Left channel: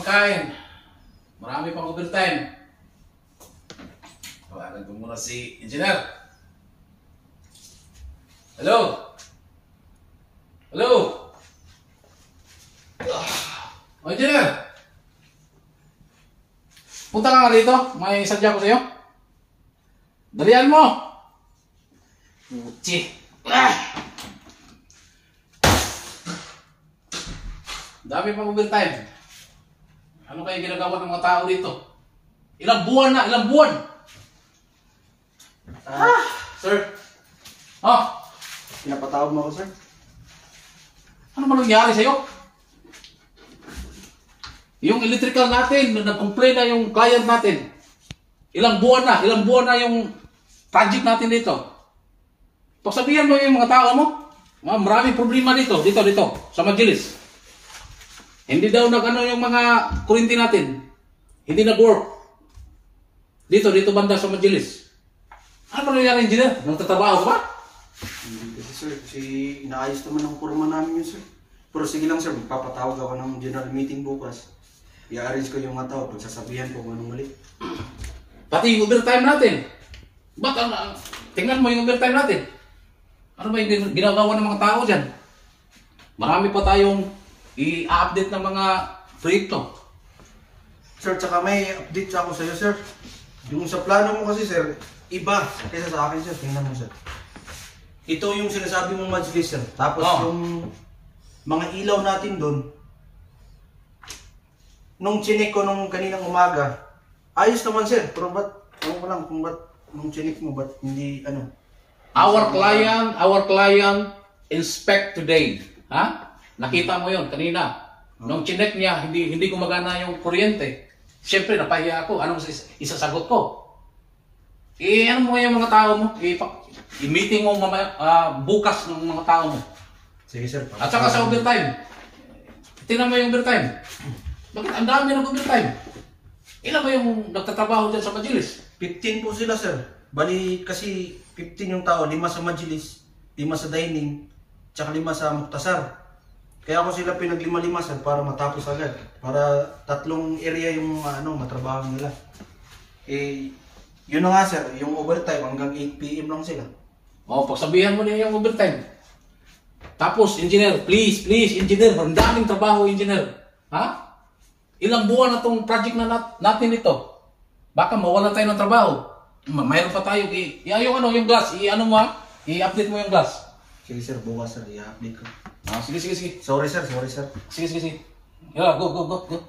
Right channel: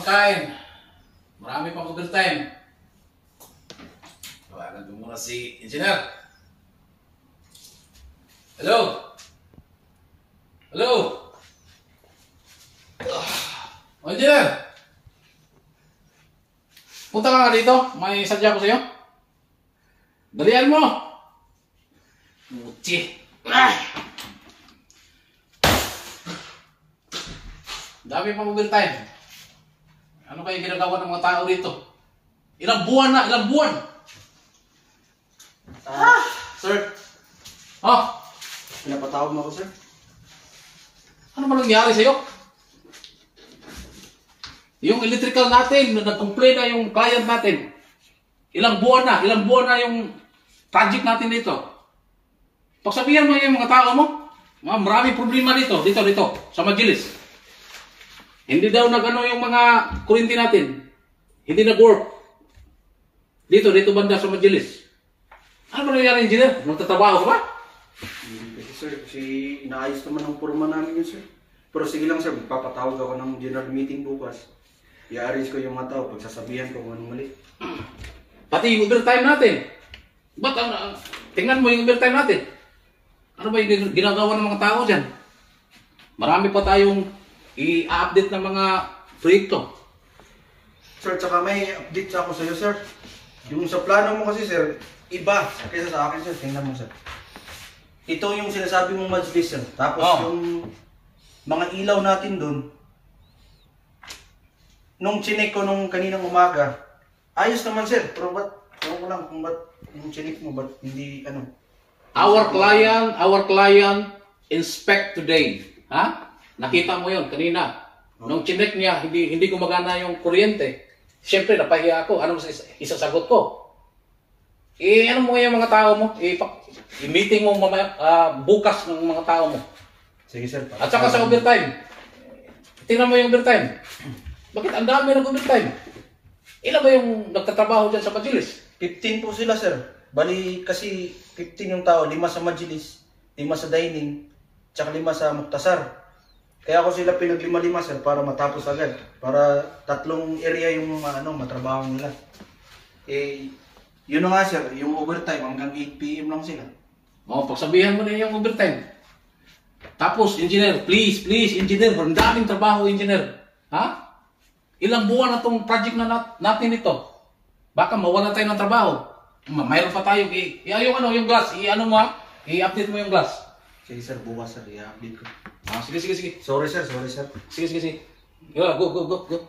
pagkain. Marami pang overtime. Tawagan ko muna si Engineer. Hello? Hello? Oh, Engineer! Punta ka nga dito. May sadya ko sa'yo. Dalian mo! Uchi! Dami pang overtime. Ano kaya ginagawa ng mga tao dito? Ilang buwan na, ilang buwan! Sir, Oh, pinapatawag mo ako, sir? ano ba nangyari sa'yo? Yung electrical natin, nag-complain na yung client natin. Ilang buwan na yung project natin dito. Pagsabihan mo yung mga tao mo, maraming problema dito, sa Majilis. Hindi daw nag-ano yung mga kurinti natin. Hindi nag-work. Dito banda sa Majilis. Ano ba nangyari, Engineer? Nagtatrabaho ka ba? Hindi kasi, sir. Kasi inaayos naman ng forma namin yun, sir. Pero sige lang, sir. Magpapatawag ako ng general meeting bukas. I-arrange ko yung mga tao. Pagsasabihan ko kung anong mali. Pati yung overtime natin. Ba't tingnan mo yung overtime natin? Ano ba yung ginagawa ng mga tao dyan? Marami pa tayong i-update ng mga proyekto. Sir, tsaka may update ako sa'yo, sir. Yung sa plano mo kasi, sir, iba kaysa sa akin, sir. Tingnan mo, sir. Ito yung sinasabi mong Majilis, sir. Tapos yung mga ilaw natin doon, nung chinek ko nung kaninang umaga, ayos naman, sir. Pero ba't, ewan ko lang kung ba't nung chinek mo, ba't hindi, ano? Our client inspect today. Ha? Nakita mo yun kanina. Nung chinek niya, hindi gumagana yung kuryente. Siyempre, napahiya ako. Anong isasagot ko? Ano mo yung mga tao mo? I-meeting mo mamaya, bukas ng mga tao mo. Sige, sir. At saka sa overtime. Tingnan mo yung overtime. Bakit ang dami ng overtime? Ilan ba yung nagtatrabaho dyan sa Majilis? 15 po sila, sir. Bali, kasi 15 yung tao. 5 sa Majilis, 5 sa dining, tsaka 5 sa Muktasar. Kaya ako sila pinag-5-5, sir, para matapos agad. Para 3 area yung matrabaho nila. Yun na nga, sir, yung overtime hanggang 8 PM lang sila. Pagsabihan mo na yung overtime. Tapos, Engineer, please, Engineer, ang daming trabaho, Engineer. Ha? Ilang buwan na itong project na natin ito. Baka mawala tayo ng trabaho. Mayroon pa tayo. Yung glass, i-update mo yung glass. Sige, sir, bukas, sir, i-update ko. Sige. Sorry, sir. Sige. Go.